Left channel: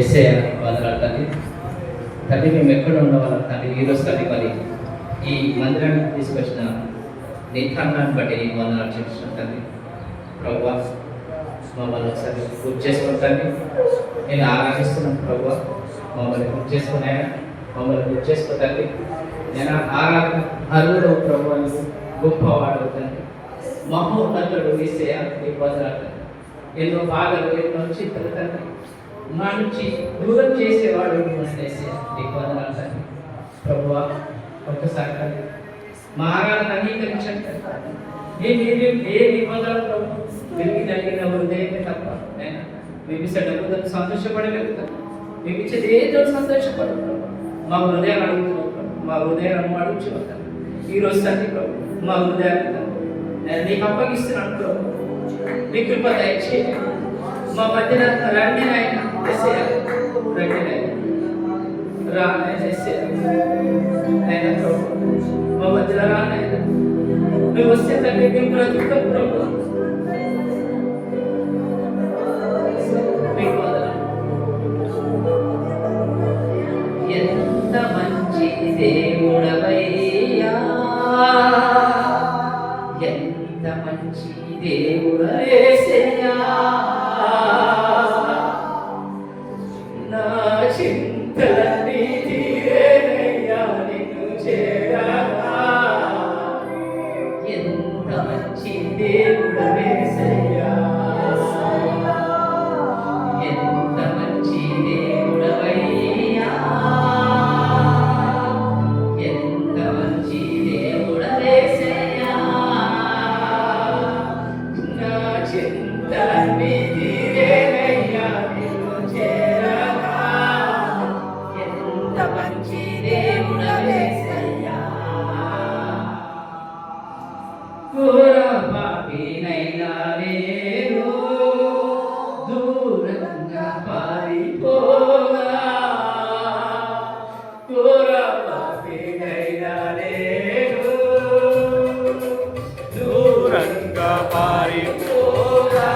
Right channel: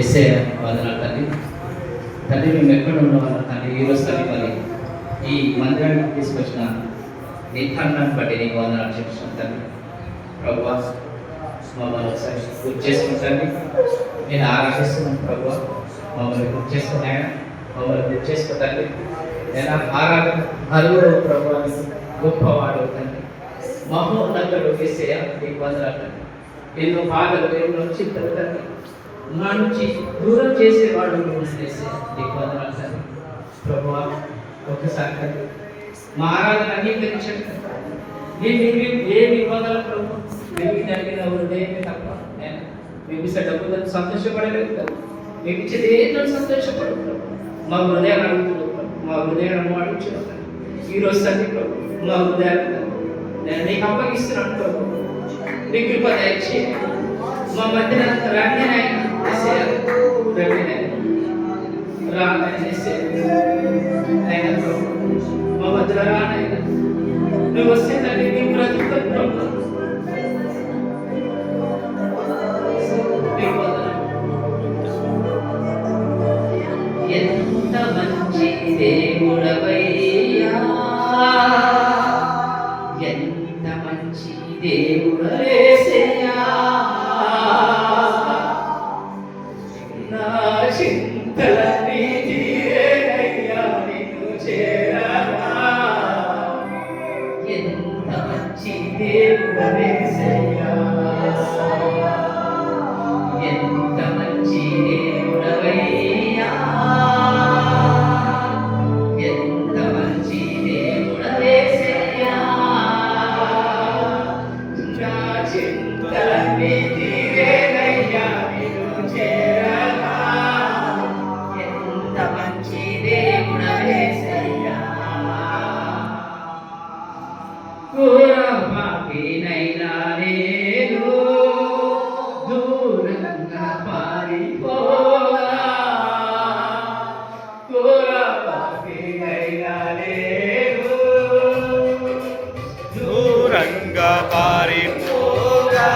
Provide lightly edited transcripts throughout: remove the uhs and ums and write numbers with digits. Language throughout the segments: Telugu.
ఎస్ఏ వందనాలు తండ్రి. తండ్రి మేము ఎక్కడ ఉండవాళ్ళ తండ్రి ఈరోజు తండ్రి మరి ఈ మందిరానికి తీసుకొచ్చిన నీ తండ్రిని బట్టి నీకు వందనాలు చెప్తున్నాను తండ్రి. ప్రభువా మమ్మల్ని ఒకసారి గుర్తు చేసుకుంటాను. నేను ఆరాధిస్తున్నాను ప్రభువా, మమ్మల్ని గుర్తు చేసుకున్నాను, మమ్మల్ని గుర్తు చేసుకోతండి. నేను ఆరాధన అరువుడు ప్రభువానికి గొప్పవాడు తండ్రి, మహోన్నతుడు వేసే నీకు వందనాలు. ఎన్నో బాధలు ఎన్నో చింతలు తండ్రి, మా నుంచి దూరం చేసేవాడు వేసే నీకు వందనాలు తండ్రి. ప్రభువా ఒక్కసారి తండ్రి మా ఆరాధన అంగీకరించండి తండ్రి. మేము ఏ నిబంధనలు ప్రభు మేము తగ్గిన హృదయమే తప్ప మేము ఇచ్చే డబ్బులను సంతోషపడలేదు కదా, మేము ఇచ్చేది ఏదో సంతోషపడదు. మా హృదయాన్ని అడుగుతున్నాం, మా హృదయాన్ని అడుగుతున్నాం ఈరోజు తండ్రి ప్రభు. మా హృదయాన్ని నేను నీకు అప్పగిస్తున్నాను ప్రభు. మీ కృప దయచేయండి. మా మధ్యన రండి నాయన ప్రభు, మా మధ్యలో రానైనా మేము వస్తే తండ్రి మేము ప్రతి ఒక్కరు ప్రభు ఎంత మంచి దేవుడవయ్యా, ఎంత మంచి దేవుడేసయ్యా. నా చింతలన్నీ తీరేనయ్యా నిన్ను చేరగా, ఎంత మంచి దేవుడవేసయ్యా, ఎంత మంచి దేవుడవయ్యా, ఎంత మంచి దేవుడవేసయ్యా. నా చింతలన్నీ తీరేనయ్యా నిన్ను చేరగా, ఎంత మంచి దేవుడవేసయ్యా. పాపినైనా నేను దూరంగా పారిపోగా, పాపినైనా నేను దూరంగా పారిపోగా,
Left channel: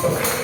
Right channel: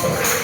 తండ్రి